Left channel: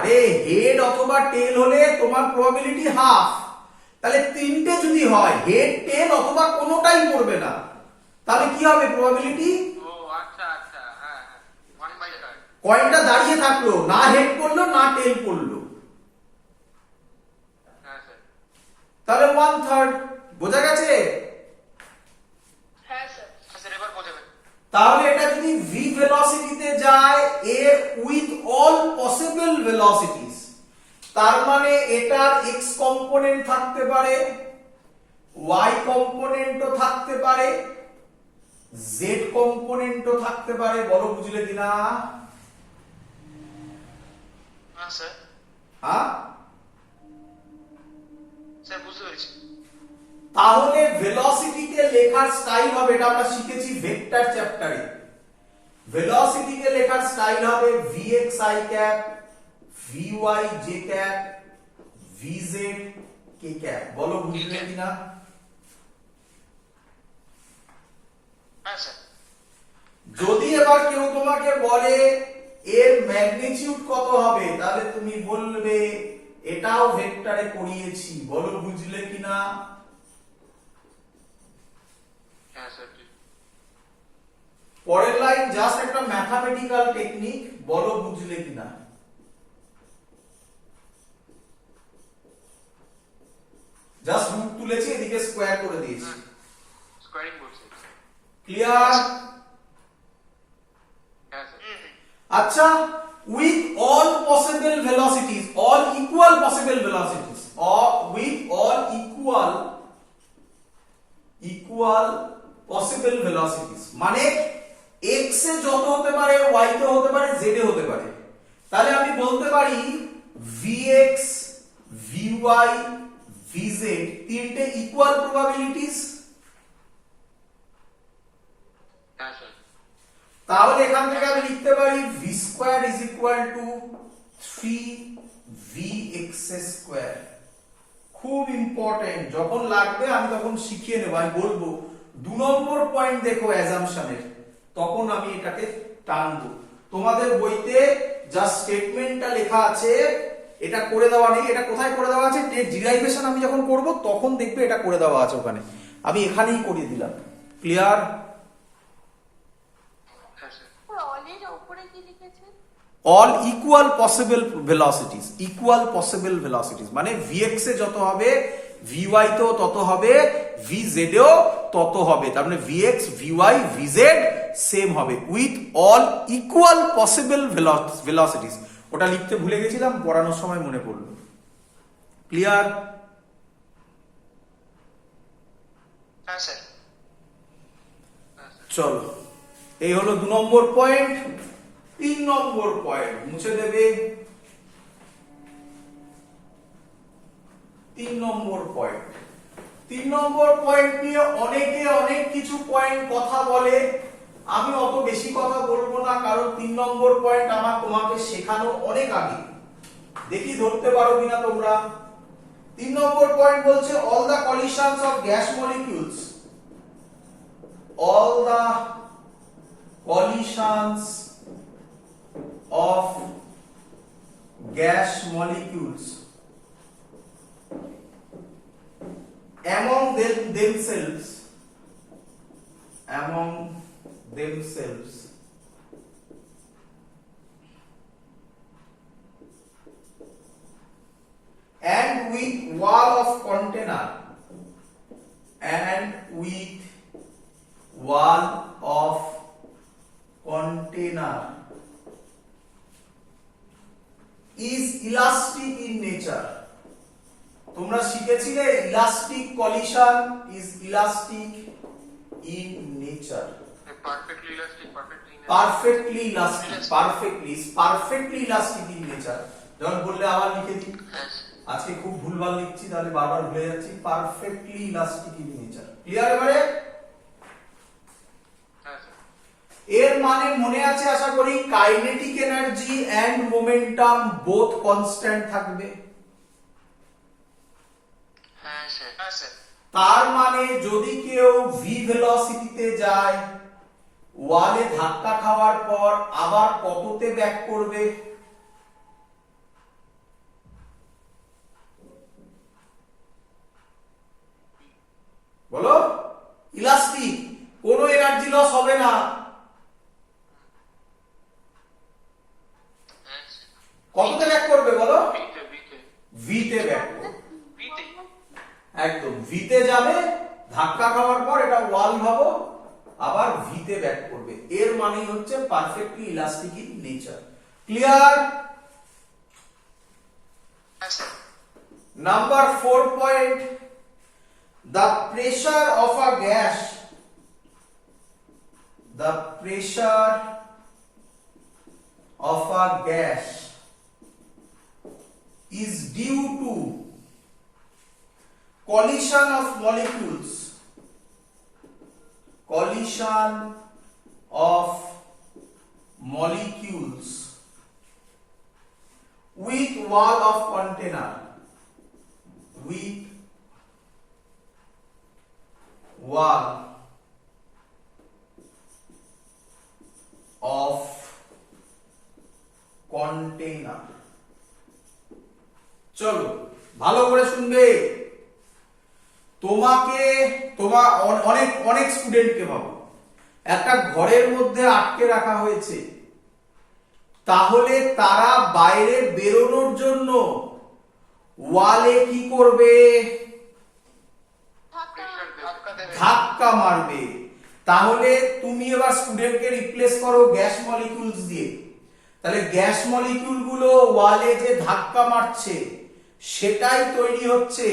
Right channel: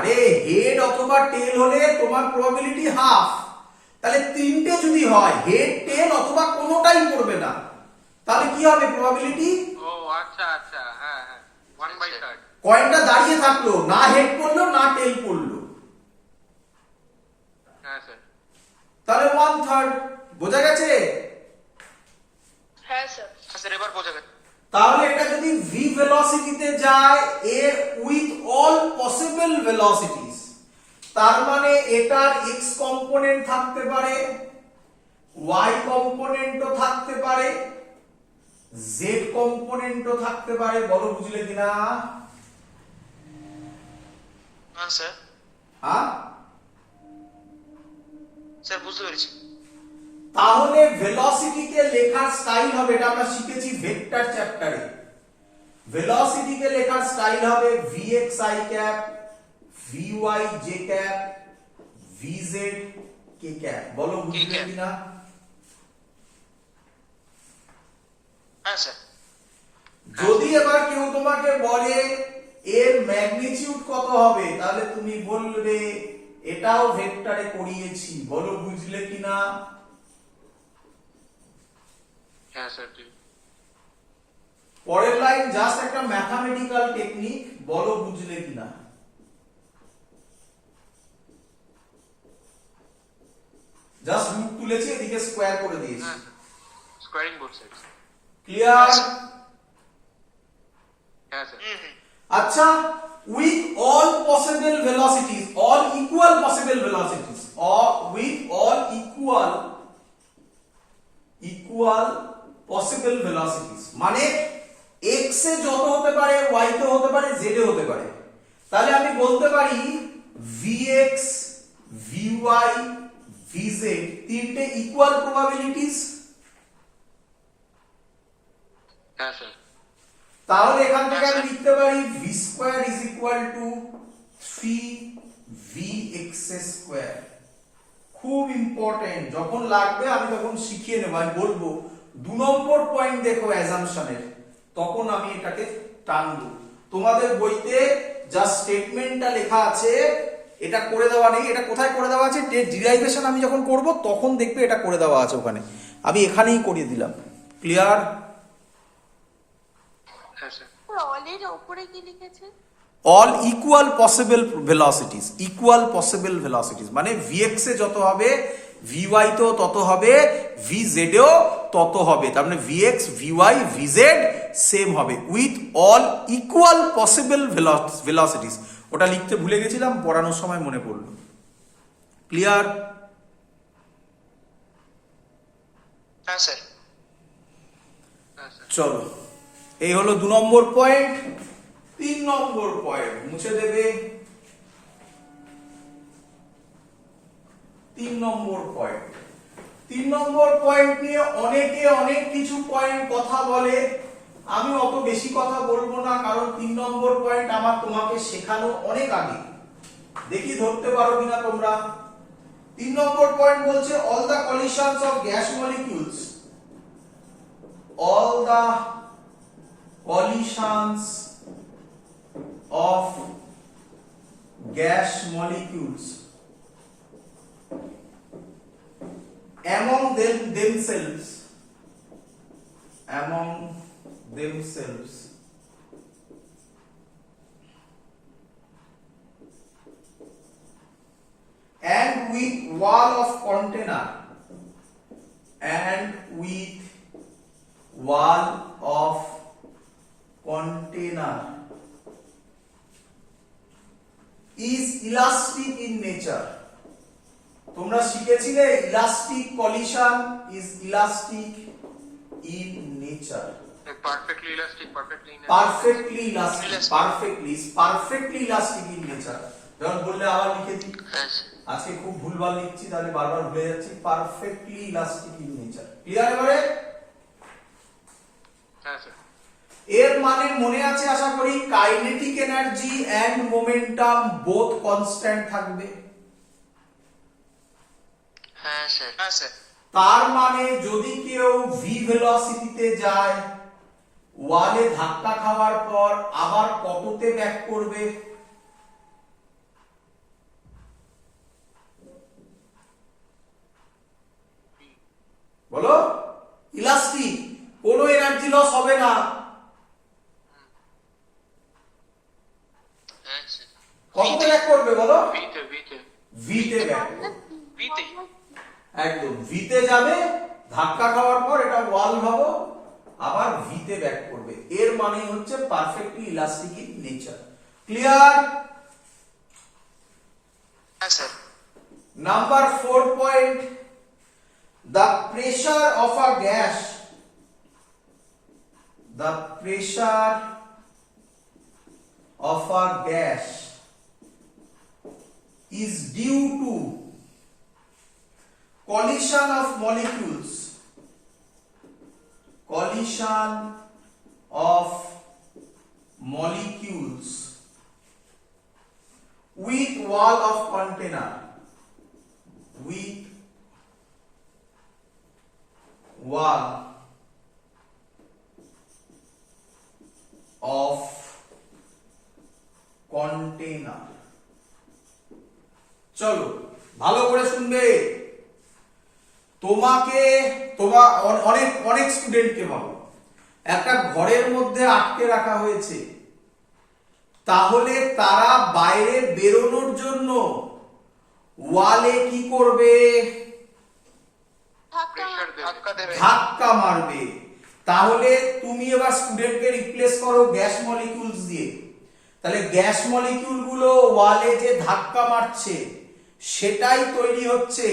আরে হেড অথবা টেল হলে তোমার প্রবাবিলিটি হাফ, তাহলে তিনটে যদি হয় হেড টেল অথবা কোনোটাই পড়বে না, তাহলে কি হবে প্রবাবিলিটি? ও আচ্ছা আচ্ছা, হ্যাঁ হ্যাঁ, 1/3। কয়েনটা দাঁড়িয়ে থাকলো, না হেড পড়লো না টেল পড়লো, হ্যাঁ স্যার। তাহলে 1/3। বোঝা গেছে? হ্যাঁ স্যার। স্যার এবার বোঝা গেল। তাহলে এটা যদি v ভেলোসিটিতে যায় এ উইথ অল পসিবল ভেলোসিটিস, তার মানে এটার x কম্পোনেন্ট থাকতে পারে, y কম্পোনেন্টও থাকতে পারে, z কম্পোনেন্টও থাকতে পারে। বলো বুঝলে কিনা? হ্যাঁ স্যার। হ্যাঁ, স্যার বুঝতে পেরেছি। তাহলে ভেলোসিটিকে লেখার স্টাইল হবে, এটা আমরা শিখেছি ভেক্টর চ্যাপ্টারে। ভেলোসিটিকে লেখার স্টাইল হবে vxi cap, vy j cap, vz k cap. বলো বুঝলে কিনা? হ্যাঁ স্যার। যদি এবার কেউ তোমাকে বলে এর ম্যাগনিটিউড কত হবে, তাহলে তুমি বলবে এটাও ভেক্টরে করিয়েছি। বলো বুঝলে কিনা? হ্যাঁ স্যার ঠিক। পরের লাইন জাস্ট একটা ম্যাথমেটিক্যাল টেকনিক। বলো বুঝলে কিনা? জাস্ট রুট তুলেছি, এদিকে স্কোয়ার করে দিয়েছি। স্কোয়ারিং বলছে। ক্লিয়ার? হ্যাঁ স্যার। আচ্ছা, with all possible velocities, all equal possible velocities, or with all equal possible velocities, মানে x এ যত হতে পারে y তে হতে পারে z এ হতে পারে, তাহলে আমি বলতে পারি vx vy vz তিনটে ইকুয়াল প্রবাবিলিটিস। হ্যাঁ স্যার। তাহলে এখান থেকে আমি লিখতে পারি v square is equal to 3vx square. খুব ইম্পর্টেন্ট, যখন লাগবে আমি তখন শিখিয়ে নেব। আমি বলবো 2 নম্বর পয়েন্ট দেখো অ্যাজাম্পশনের, তখন আমি এটাকে টানবো। তোমাদের বইতে যা স্টেটমেন্টটা লেখা আছে এটা করে দেওয়া নেই। এটা কোথায় করে দেওয়া আছে? ডিরাইভেশন আমি যখন করব তখন দেখবে এটা করে দেওয়া আছে ওখানে, আমি এখানেই করিয়ে দিলাম। ক্লিয়ার? হ্যাঁ স্যার। অলের উপরে কি লিখেছে? all equal possible velocities, equal possible velocities মানে vx এ যত হবে vy তেও তত হবে, vz এও তত হবে। তার মানে vx vy vz সেম হবে with all equal possible velocities। ওটা লিখতে ভুলে গেছিলাম, পড়ানোর সময় মনে পড়লো। ক্লিয়ার? হ্যাঁ স্যার। চলো, এই হলো 2 নম্বর পয়েন্ট। 3 নম্বর পয়েন্ট মুছে দেবে। 3 নম্বর পয়েন্ট, 3 নম্বর পয়েন্ট নিয়ে অনেকে অনেক কিছু পয়েন্ট কথা বলে, আমি অত বেশি কথা বলবো না, কারণ 3 নম্বর পয়েন্ট আমার তোমাকে শেখানো অনেক আগে। দেখি ধরতে পারো কিনা তোমরা। 3 নম্বর পয়েন্ট বলছে all the collisions of gas molecules, all the collisions of gas molecules among themselves and with wall of container is elastic in nature। তোমরা শিখেছিলে elastic collision is elastic in nature. Perfectly elastic, perfectly elastic in nature. যখন বললে আবার লিখে দিই, আজকে খুব ভুলভাল লিখছি তাহলে বারবার ভুলে যাচ্ছি। Perfectly elastic in nature. Clear এবারে? হ্যাঁ স্যার। এর মানে মনে আছে আশা করি, kinetic energy and momentum both constant থাকবে। হ্যাঁ স্যার। হ্যাঁ স্যার। তার মানে যদি কেউ ভি ভেলোসিটিতে যায়, ওয়ালে ধাক্কা খাওয়ার পর আবার কততে ব্যাক করবে? বলো ইলাস্টিক, কোনো এনার্জি লস হবে না। হ্যাঁ স্যার। কততে ব্যাক করবে বলো? ভিতে ভিতে ভিতে ব্যাক করবে। ভিতে। একদম ভিতে যাবে, ধাক্কা খাওয়ার পর এটা ওয়াল ভাবো, আবার ভিতে ব্যাক করবে। এর মানে হচ্ছে perfectly elastic in nature. Clear? হ্যাঁ sir. Number 4 point, the pressure of a gas, the pressure of a gas is due to collision of molecules, collision of molecules with wall of container, with wall of container। চলো ভালো করে শুনবে। তোমাকে অনেক অনেক স্টুডেন্টকে ভাবো, একটা ঘরের মধ্যে আটকে রাখা হয়েছে, তাহলে তারা বাইরে বেরোনোর জন্য ওয়ালে কি করবে? ধাক্কা দেবে। ধাক্কা মারবে। তাহলে তুমি এবার স্টুডেন্টকে রিপ্লেস করো গ্যাস মলিকিউলস দিয়ে। তাহলে গ্যাস মলিকিউল গুলো ওয়ালে যে ধাক্কা মারছে সেটাই তৈরি হচ্ছে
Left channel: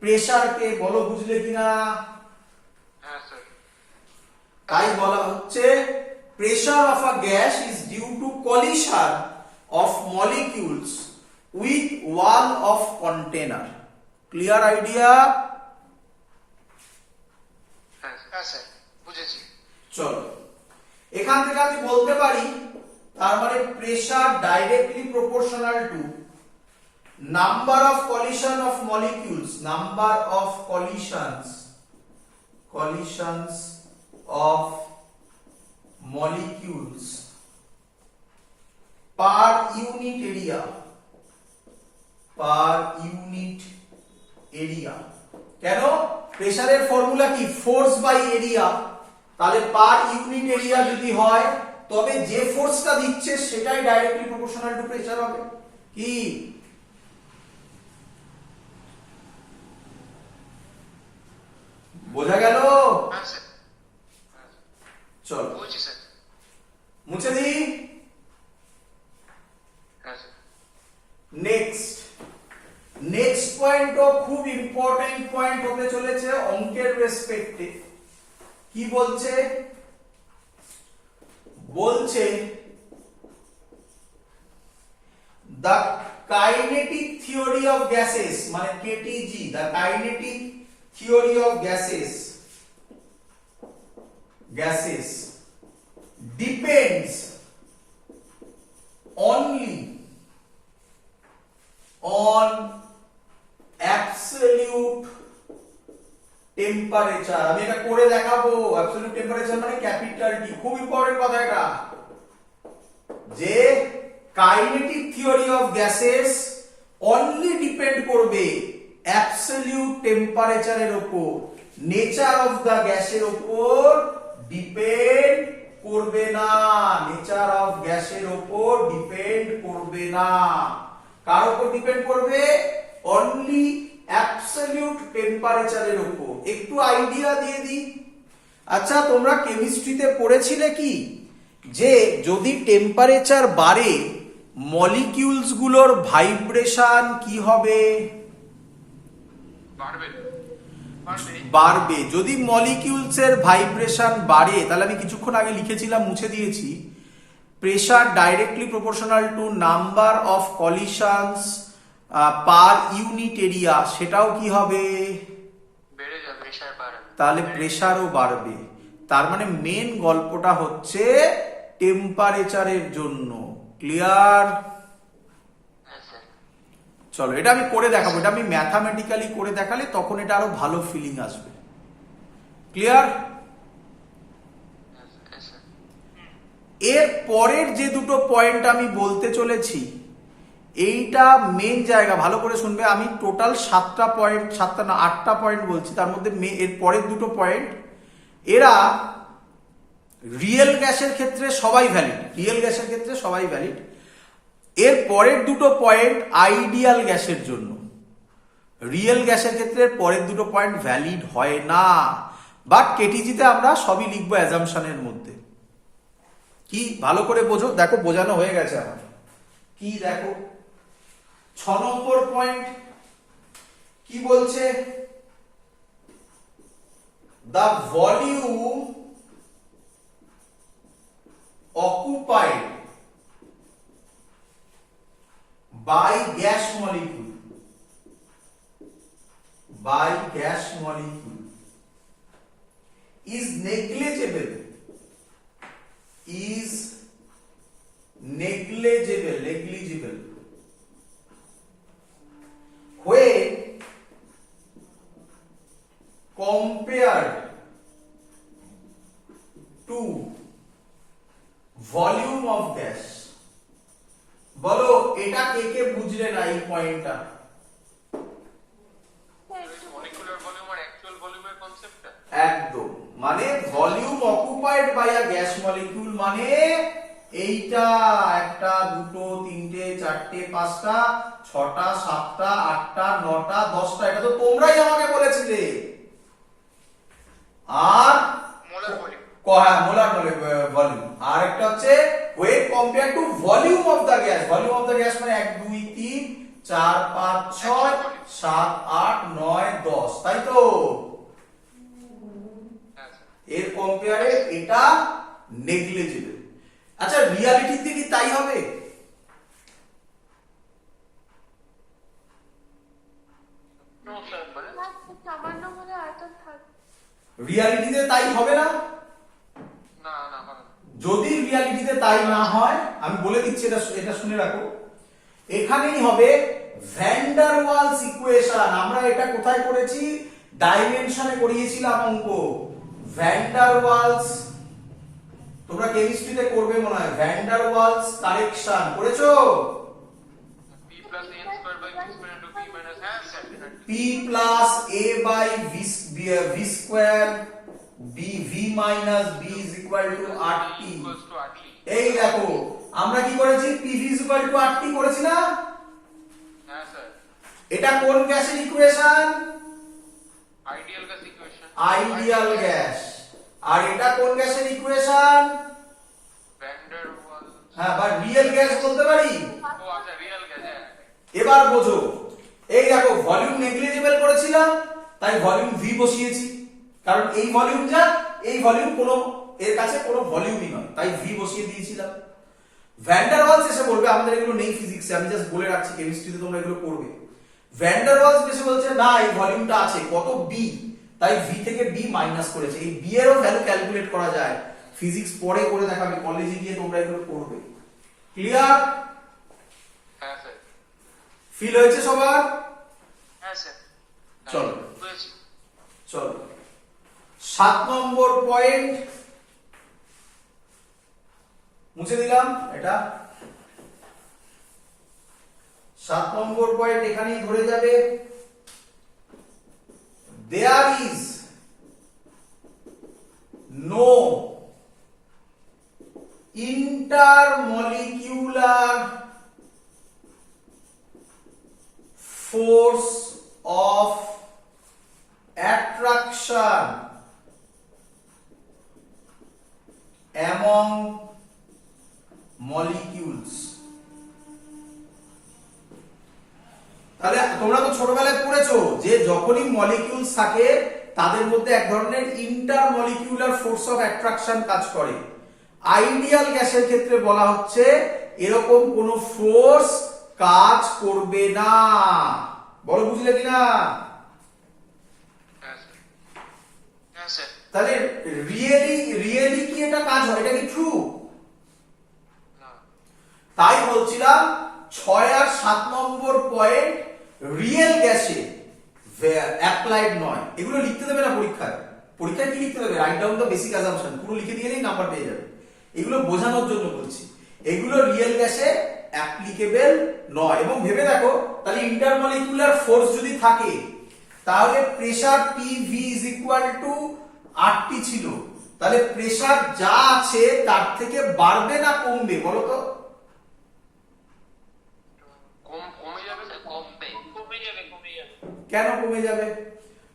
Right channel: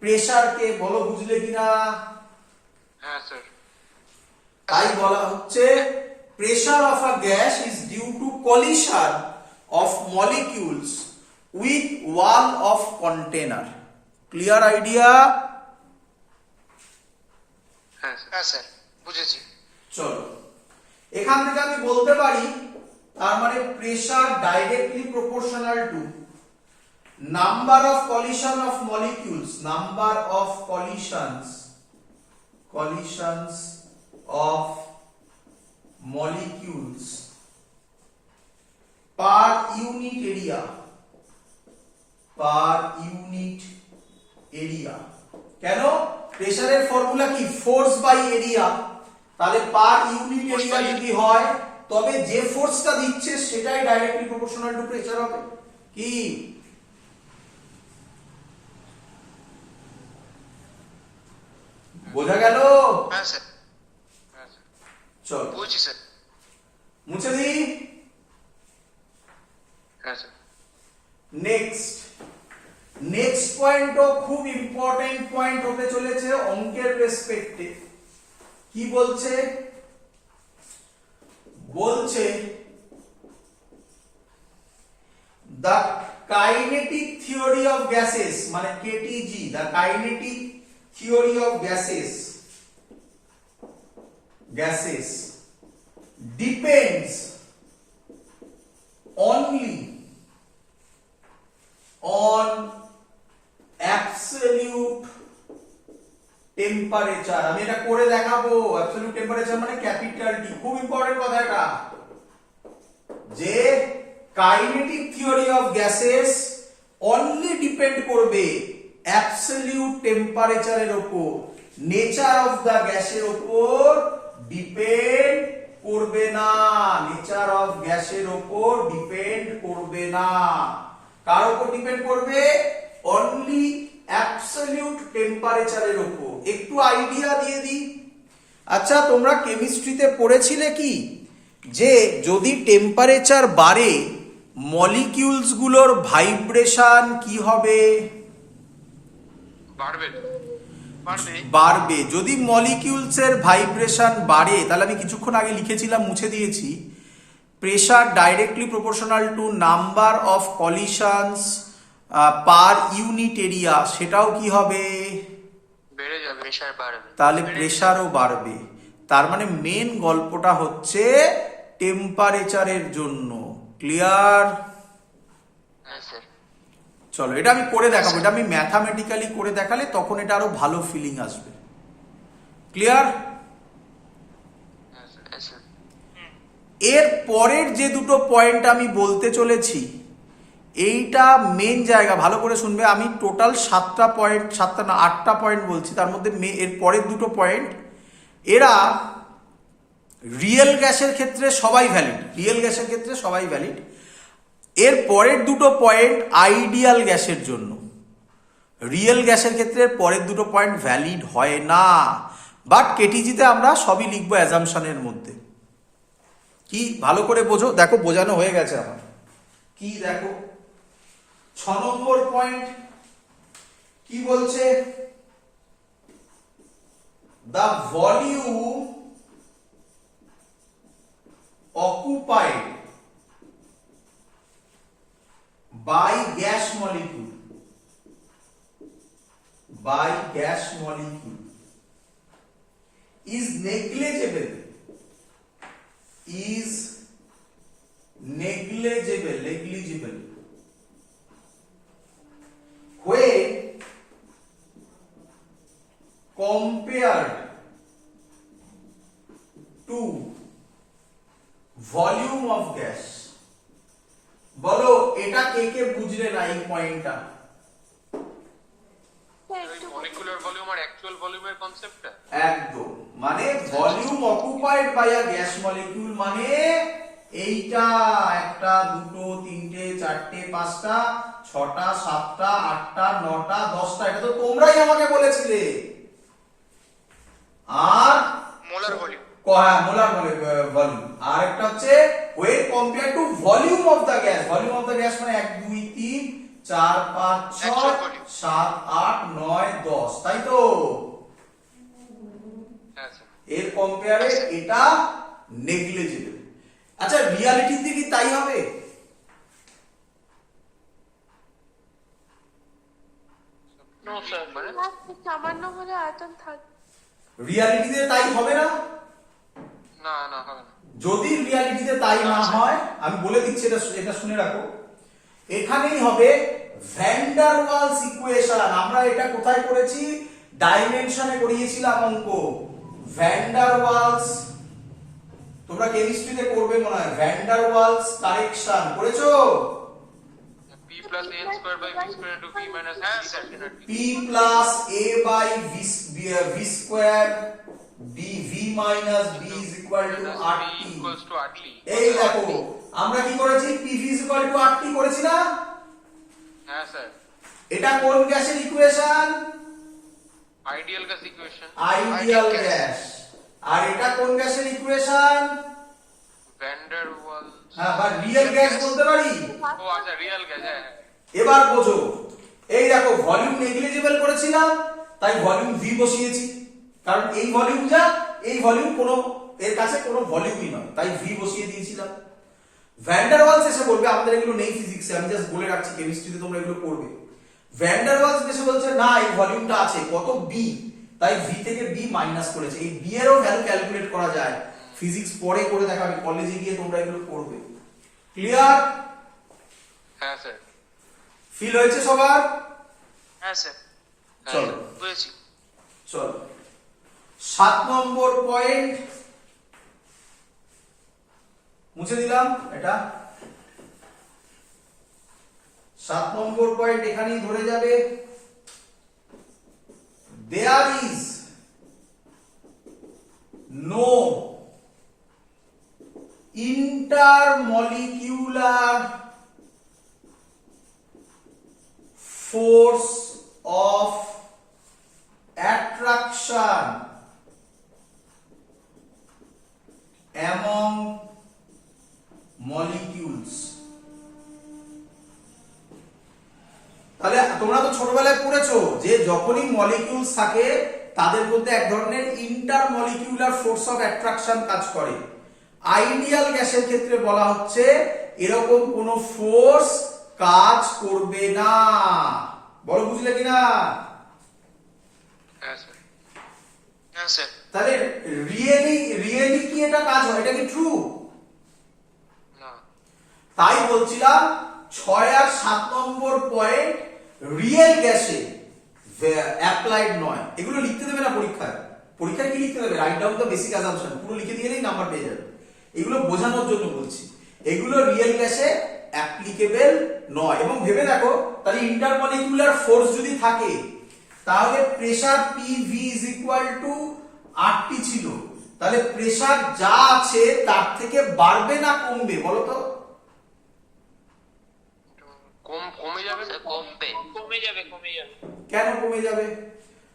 প্রেসারকে। বলো বুঝলে কিনা? হ্যাঁ স্যার। তাই বলা হচ্ছে pressure of a gas is due to collision of molecules with wall of container. Clear idea? হ্যাঁ স্যার। হ্যাঁ স্যার, বুঝেছি। চলো এখান থেকে আমি বলতে পারি তার মানে pressure directly proportional to number of collision of molecules, number of collisions of molecules per unit area, কেন? প্রেসারের ফর্মুলা কি? Force by area. তাহলে পার ইউনিট এরিয়া যদি হয় তবে যে ফোর্সটা দিচ্ছে সেটাই ডাইরেক্টলি প্রপোর্শনাল টু প্রেসার হবে। কি বোঝা গেল? হ্যাঁ স্যার। হ্যাঁ স্যার, চল বুঝছি স্যার। মুছে দিই। হ্যাঁ স্যার। নেক্সট পয়েন্টও খুব ইম্পর্টেন্ট পয়েন্ট হতে চলেছে অঙ্কের রেসপেক্টে। কি বলছে? বলছে the kinetic theory of gases, মানে KTG, the kinetic theory of gases depends only on absolute temperature। আমি এটা করে দেখাবো। অ্যাবসলিউট টেম্পারেচার মানে ক্যাপিটাল টি। খুব ইম্পর্টেন্ট কথা এটা, যে kinetic theory of gases only depend করবে অ্যাবসলিউট টেম্পারেচারের উপর, নেচার অফ দা গ্যাসের উপর ডিপেন্ড করবে না। নেচার অফ গ্যাসের উপর ডিপেন্ড করবে না। কার উপর ডিপেন্ড করবে? অনলি অ্যাবসলিউট টেম্পারেচারের উপর। একটু আইডিয়া দিয়ে দিই। আচ্ছা, তোমরা কেমিস্ট্রিতে পড়েছিলে কি যে যদি টেম্পারেচার বাড়ে মলিকিউলস গুলোর ভাইব্রেশন কি হবে? বাড়বে। বাড়বে। যদি মলিকিউলস এর ভাইব্রেশন বাড়ে, তাহলে আমি কিছুক্ষণ আগে লিখেছিলাম, মুছে দিয়েছি, pressure directly proportional to number of কলিশনস per unit area, সেটাও কি হবে? বেড়ে যাবে। প্রেসার বাড়বে। তাহলে প্রেসারও বাড়বে। তার মানে মেন গল্পটা হচ্ছে টেম্পারেচারের জন্য। ক্লিয়ার? হ্যাঁ স্যার। চলো এটা আমি করে দেখাবো। এটা আমি ম্যাথামেটিক্যালি করে দেখালে তখন এটা আরো ভালো ফিলিং আসবে। ক্লিয়ার? হ্যাঁ স্যার। এর পরের যে দুটো পয়েন্ট আমি বলতে চলেছি, এইটা মেন জায়গা, ভালো করে শুনবে। আমি টোটাল 7টা পয়েন্ট, 7টা না 8টা পয়েন্ট বলছি, তার মধ্যে এর পরের দুটো পয়েন্ট এরা রিয়েল গ্যাসের ক্ষেত্রে সবাই ভ্যালিড, রিয়েল গ্যাসের ক্ষেত্রে সবাই ভ্যালিড। এর পরের দুটো পয়েন্ট আইডিয়াল গ্যাসের জন্য, রিয়েল গ্যাসের ক্ষেত্রে পরের দুটো পয়েন্ট ভ্যালিড হয় না। বাট কেটিজিতে আমরা সবই লিখবো অ্যাজাম্পশনের মধ্যে। কি ভালো করে বোঝো, দেখো বোঝানো হয়ে গেছে আমার। কি দেখো 6 নম্বর পয়েন্ট কি বলছে, the volume occupied by gas molecule is negligible when compared to volume of gas. বলো এটা কে কে বুঝলে না এই পয়েন্টটা? মলিকুলার ভলিউম আর অ্যাকচুয়াল ভলিউমের কনসেপ্টটা একদম, মানে volume occupied by a gas molecule মানে এইটা 1টা 2টো 3টে 4টে 5টা 6টা 7টা 8টা 9টা 10টা, এটা তো তোমরাই আমাকে বলেছিলে। আর মোলার ভলিউম, মোলার ভলিউম। আর একটা হচ্ছে when compared to volume of the gas, volume of the gas মানে 1 2 3 4 5 6 7 8 9 10, তাই তো? হ্যাঁ স্যার। এর কম্পেয়ারে এটা নেগলিজিবল। আচ্ছা রিয়ালিটিতে কি তাই হবে? নো স্যার, মানে সামান্য হলে আয়তন থাকবে। রিয়ালিটিতে তাই হবে না। না না হবে না। যদি রিয়ালিটিতে তাই না হয়, আমি বলে দিচ্ছি, এটা শুনে রাখো, এখানেই হবে ভ্যান ডার ওয়ালস ইকুয়েশন। আমরা এটা কোথায় করেছি? ডাইমেনশনে করিয়েছিলাম অঙ্ক। ভ্যান ডার ওয়ালস, তোমরা কেমিস্ট্রিতে করবে মনে হয়, ভ্যান ডার ওয়ালস কারেকশন করেছো? p plus a square by v square into b minus হ্যাঁ sir. p plus a by v square b v minus b is equal to RT। equals to RT। এই দেখো আমরা কি করেছি, pv is equal to RT করেছি না? হ্যাঁ sir. এটা কোন গ্যাসের equation? Ideal gas equation. Ideal gas. আর এটা কোন গ্যাসের ইকুয়েশন? Van der Waals. হ্যাঁ, বা রিয়েল গ্যাস বলতে পারি। ও আচ্ছা, রিয়েল গ্যাস। হ্যাঁ এবার বোঝো, এই দেখো ভলিউম নেগলিজিবল করেছিলাম, তাই ভলিউম ভি বসিয়েছি, কারণ এই ভলিউম যা, এই ভলিউম কোনো এর কাছে কোনো ভলিউমই নয়, তাই ভি বসিয়ে দিয়েছিলাম। ভ্যান ডার ওয়ালস এসে বলবে, আমাদের এগুলো নেই ফিজিক্সে, আমি জাস্ট বলে রাখছি, কেমিস্ট্রিতে তোমরা এগুলো পড়বে। ভ্যান ডার ওয়ালস এসে বলছে না এই ভলিউমটা আছে কত বি, তাই ভি থেকে বি মাইনাস করেছে। এই বি এরও ভ্যালু ক্যালকুলেট করা যায়, ফিজিক্স পরে করে দেখাবে, কলেজে গিয়ে তোমরা এগুলো পড়বে। ক্লিয়ার? হ্যাঁ স্যার। ফিল হয়েছে সবার? হ্যাঁ স্যার। চলো বুঝেছি। চলো 7 নম্বর পয়েন্ট মুছে দিলাম। এটা 7 নম্বর পয়েন্ট এখানেই ধরে যাবে। There is no intermolecular force of attraction among molecules। তাহলে তোমরা তো ছোটবেলায় পড়েছো যে যখনই মলিকিউলস থাকে তাদের মধ্যে এক ধরনের ইন্টারমলিকিউলার ফোর্স অফ অ্যাট্রাকশন কাজ করে। আইডিয়াল গ্যাসের ক্ষেত্রে বলা হচ্ছে এরকম কোন ফোর্স কাজ করবে না। বলো বুঝলে কিনা? হ্যাঁ স্যার। হ্যাঁ স্যার। তাহলে রিয়েলি কি এটা কাজ হয়? এটা কি ট্রু? না। তাই বলছিলাম 6 আর 7 নম্বর পয়েন্ট রিয়েল গ্যাসে অ্যাপ্লাইড নয়। এগুলো লিখতে দেবে না পরীক্ষায়। পরীক্ষায় কি লিখতে দেবে? Write down the basic assumption, পুরো লিখে দিলেই নাম্বার পেয়ে যাবে। এগুলো বোঝানোর জন্য বলছি, এগুলো রিয়েল গ্যাসে অ্যাপ্লিকেবল নয়। এবং ভেবে দেখো তাহলে ইন্টারমলিকুলার ফোর্স যদি থাকে তাহলে pressure PV is equal to RT ছিল, তাহলে প্রেসার যা আছে তার থেকে বাড়বে না কমবে বলো তো? কমে যাবে কমে যাবে কেন কমে যাবে?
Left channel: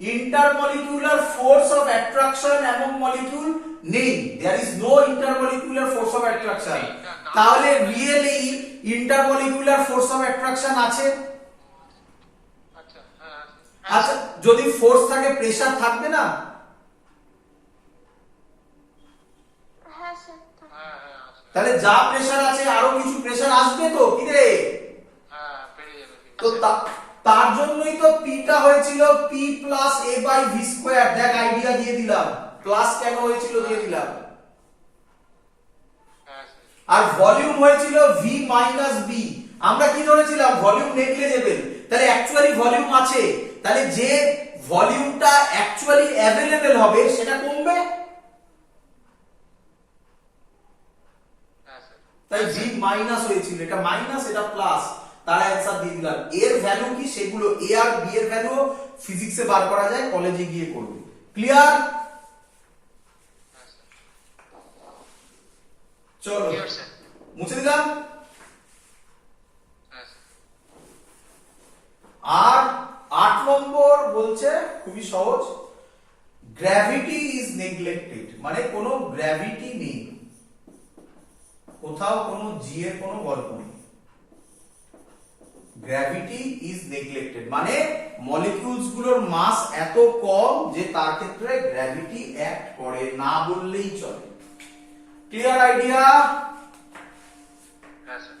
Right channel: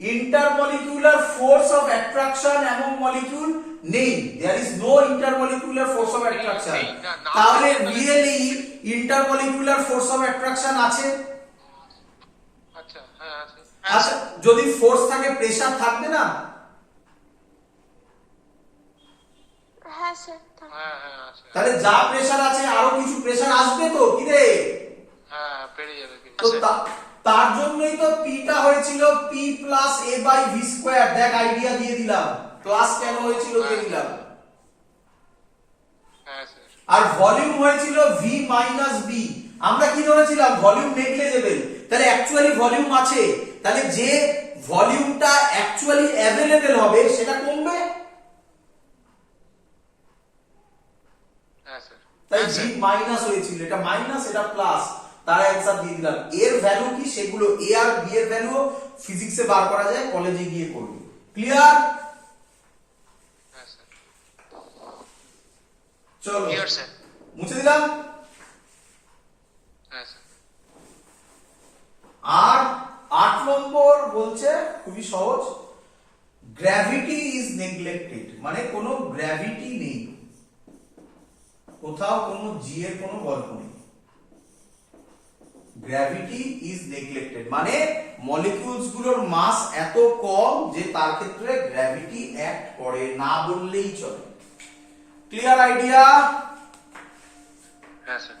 ইন্টারমলিকুলার ফোর্স অফ অ্যাট্রাকশন এমন মলিকিউল নেই, there is no intermolecular force of attraction. তাহলে really intermolecular force of attraction আছে? আচ্ছা হ্যাঁ আছে আচ্ছা যদি ফোর্স থাকে প্রেসার থাকবে না? হ্যাঁ স্যার থাকে। হ্যাঁ আছে তাহলে যা প্রেসার আছে আরো কিছু প্রেসার আসবে তো কি রে? হ্যাঁ বেড়ে যাবে তো তার জন্যই তো পিটা হয়েছিল P plus A by V square. দেখ আইডিয়া দিয়ে দিলাম, প্লাস কেন হয়েছিল দিয়ে দিলাম। হ্যাঁ স্যার আর ভলিউম হয়েছিল V মাইনাস B। আমরা কি ধরেছিলাম? ভলিউম নেগলিজেবল, তাহলে অ্যাকচুয়ালি ভলিউম আছে, তাহলে যে ভলিউমটা অ্যাকচুয়ালি অ্যাভেলেবল হবে সেটা কমবে। হ্যাঁ স্যার তাই V মাইনাস হয়েছিল, এটা মাইনাস এটা প্লাস, তার অ্যানসার দিয়ে দিলাম। এর ভ্যালু কি সেগুলো A আর B এর ভ্যালু ফিজিক্সে বার করা যায়, কলেজে গিয়ে করবে। ক্লিয়ার? হ্যাঁ স্যার চলো ক্লিয়ার স্যার মুছে দিলাম। হ্যাঁ স্যার আর 8 নম্বর বলছে খুবই সহজ, গ্র্যাভিটি ইজ নেগলেক্টেড, মানে কোনো গ্র্যাভিটি নেই, কোথাও কোনো জি এর কোনো গল্প নেই। গ্র্যাভিটি ইজ নেগলেক্টেড মানে মলিকিউলস গুলোর মাস এত কম যে তার ক্ষেত্রে গ্র্যাভিটি অ্যাক্ট করে না বললেই চলে। Clear idea? হ্যাঁ স্যার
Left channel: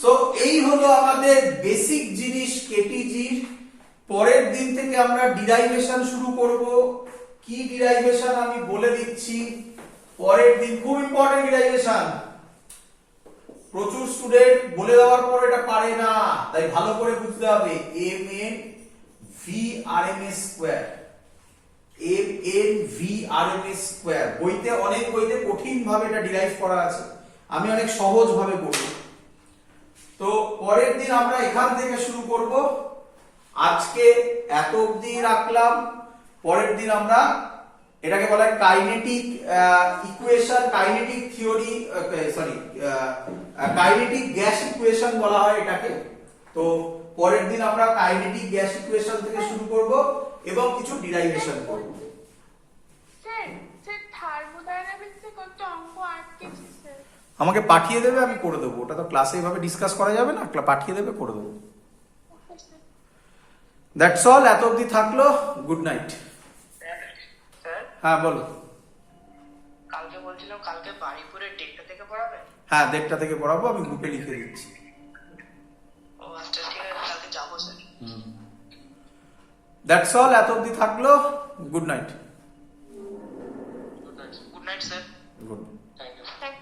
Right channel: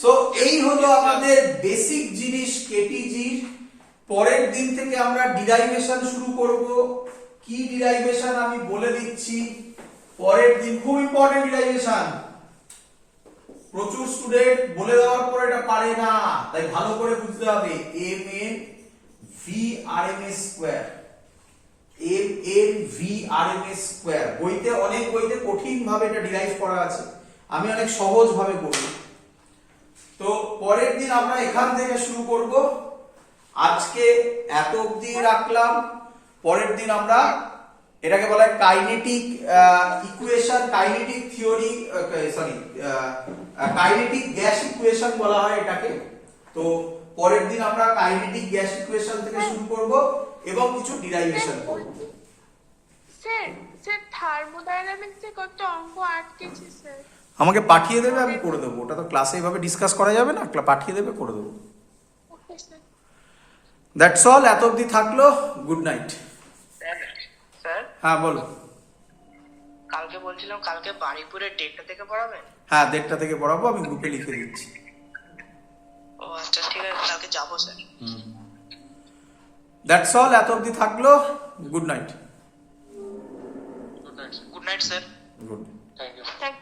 সো এই হলো আমাদের বেসিক জিনিস কেটিজির। পরের দিন থেকে আমরা ডিরাইভেশন শুরু করব। কি ডিরাইভেশন আমি বলে দিচ্ছি পরের দিন, খুব ইম্পর্টেন্ট ডিরাইভেশন। প্রচুর স্টুডেন্ট বলে দেওয়ার পর এটা পারে না, তাই ভালো করে বুঝতে হবে। mn v rms square, mn v rms square বইতে, অনেক বইতে কঠিন ভাবে এটা ডিরাইভ করা আছে, আমি অনেক সহজ ভাবে করব। তো পরের দিন আমরা এখান থেকে শুরু করব। আজকে এত অবধি রাখলাম। পরের দিন আমরা এটাকে বলা হয় kinetic equation, kinetic theory, sorry kinetic gas equation বলা হয় এটাকে। তো পরের দিন আমরা কাইনেটিক গ্যাস ইকুয়েশন থেকে শুরু করব এবং কিছু ডিরাইভেশন করব। স্যার স্যার থার্মোডাইনামিক্সে কত অঙ্ক আটকেছে স্যার। আমাকে পাঠিয়ে দেবে, আমি করে দেবো। ওটা তো ক্লাসে এইভাবে ডিসকাস করা যাবে না, পাঠিয়ে দেবে, করে দেবো। Okay sir. দ্যাটস অল, এত অবধি থাকলো। Good night. স্যার হ্যাঁ বলো। কালকে বলছিলাম কালকে বাড়িপুরের ডেটটা থেকে পড়াবে? হ্যাঁ 1:30 থেকে পড়াবো, আমি গ্রুপে লিখে দিচ্ছি। ও আচ্ছা ঠিক আছে, কালকে যাবো স্যার। দ্যাটস অল, এত অবধি থাকলো। Good night. Good night sir good night sir. Good. Thank you thank